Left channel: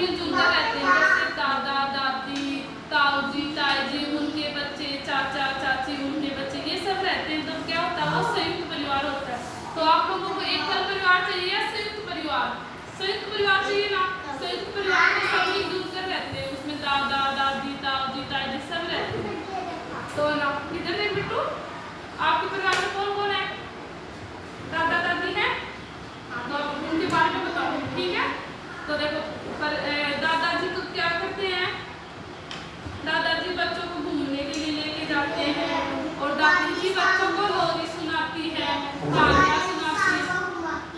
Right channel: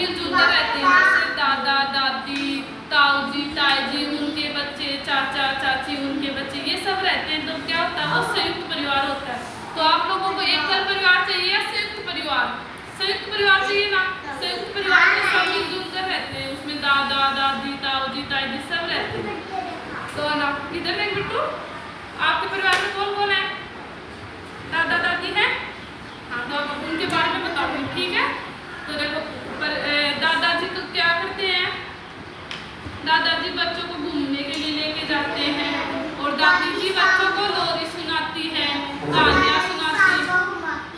मिलजुल कर रहते हैं, जैसे दादा दादी, ताऊ जी ताई जी, उनके बच्चे, चाचा चाची उनके बच्चे, ये सब रहते हैं। तो क्या होता है, वो संयुक्त परिवार होता है। तो आप लोगों को एकल परिवार चाहिए या संयुक्त परिवार? संयुक्त परिवार चाहिए ना। संयुक्त परिवार में सब मिलजुल कर रहते हैं, उसमें दादा दादी, ताऊ जी ताई जी सब रहते हैं। तो ना इधर देख बिट्टू, आपके परिवार में कौन कौन है? दादा दादी है? हाँ, तो उनके बारे में बताओ, ठीक है। तो देखो, दादाजी तो क्या करते हैं, दादाजी बच्चों को घूमने के लिए लेके जाते हैं, और दादी जी बच्चों को लोरी सुनाती है, कहानियाँ सुनाती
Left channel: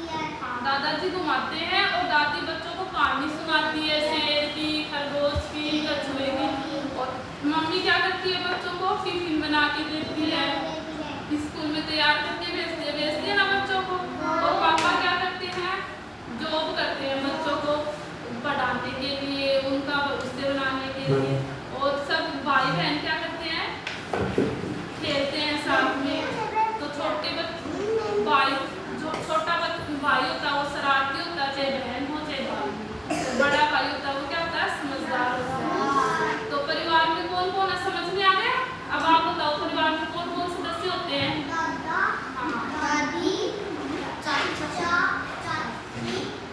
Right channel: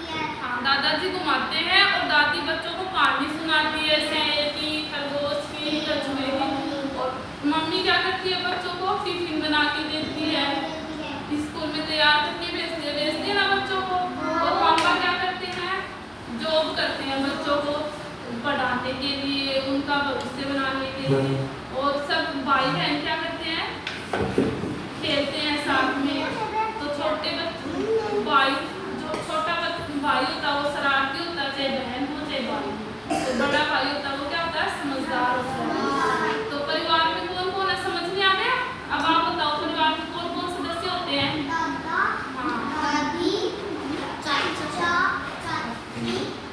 है। हाँ, दादाजी घुमाते हैं और दादी बच्चों को कहानी सुनाती है, शेर की, खरगोश की, कछुए की। और मम्मी क्या करती है, बच्चों को टिफिन बना के देती है, स्कूल में तैयार करके भेजती है ना बच्चों को। और पापा क्या करते हैं, जॉब करते हैं बच्चों को पढ़ाने के लिए, उनका भविष्य बनाने के लिए। और सब भाई बहन क्या करते हैं, खेलते हैं साथ में। तो छोटे बच्चे भाई, जो छोटा भाई होता है वो शरारती होता है, चाहे बहन हो चाहे भाई। तो बड़ा भाई होता है वो क्या होता है, समझदार होता है। तो परिवार में कौन कौन है, समझ में आ गया? अब आप बताओ, परिवार में कौन कौन सदस्य होते हैं?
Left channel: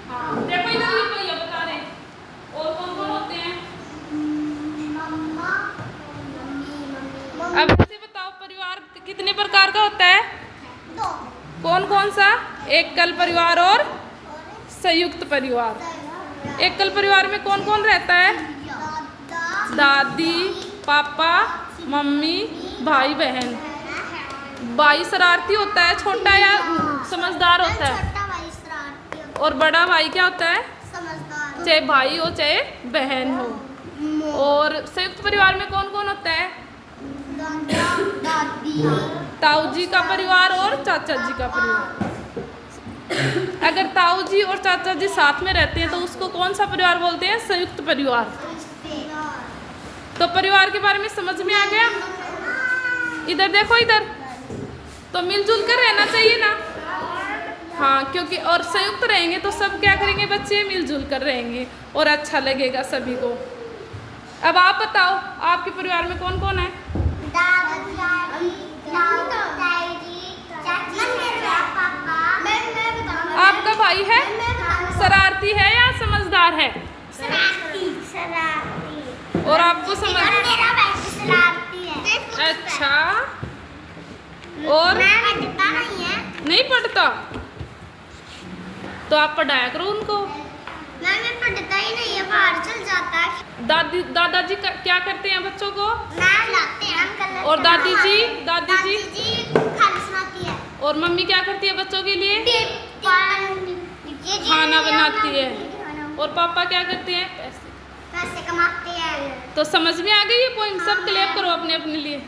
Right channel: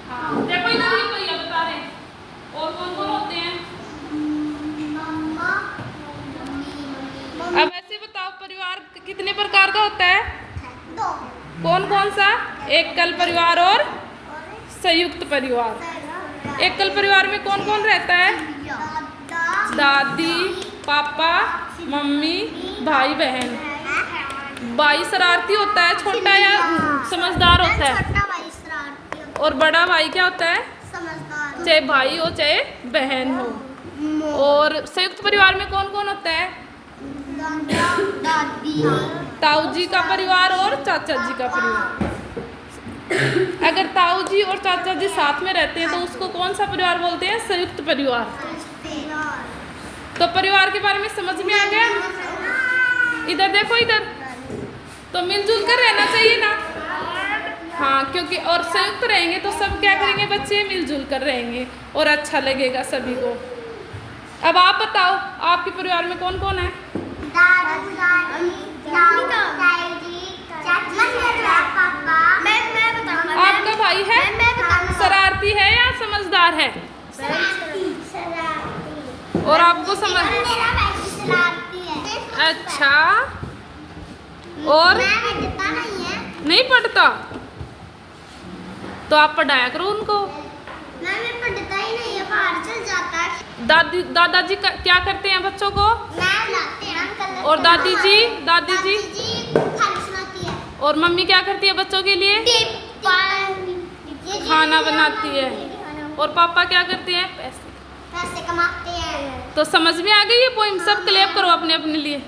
हाँ, देखो इधर ही भैया बता रहे, और कौन कौन होते हैं? अब ऐसे बताओ, परिवार कितने प्रकार का होता है? दो। कौन कौन सा? एकल परिवार और संयुक्त परिवार। एकल परिवार में कौन कौन रहता है? दादी, पापा, मम्मी, भाई बहन। भाई शरारती होता है, छोटा या समझदार होता है? छोटा भाई शरारती होता है। और बड़ा भाई क्या होता है? समझदार। चाहे भाई हो चाहे बहन हो। और संयुक्त परिवार में कौन कौन होता है? दादी, ताऊ जी का परिवार और चाचा जी का परिवार। अगर ताऊ जी और चाचा जी साथ में रहते हैं तो उसको कौन सा परिवार बोलते हैं? संयुक्त परिवार। तो परिवार के बारे में समझ में आ गया? इधर देखो, इधर तो मिलजुल कर रहना चाहिए ना। हाँ, क्योंकि और संयुक्त रहेंगे तो सब क्या करेंगे, बच्चे मिलजुल कर रहेंगे और अच्छा लगेगा सभी को। अब आप बताओ, आपके परिवार में कौन कौन है? आपका भाई है, शरारती है या समझदार है? और आपको समझ, अच्छा, और नहीं पढ़ता तो आप पढ़ाया करो उनको। पढ़ता ही नहीं है, बाहर चल जाता है। दादाजी क्या करते हैं बच्चों को? और दादी जी खाना सुनाती है। और मम्मी क्या करती है बच्चों के लिए? खाना बनाती है। और पापा क्या करते हैं? पैसे कमाते हैं। तो समझ में आ गई ये पोइम? सब क्लियर करो अपने अपने लिए।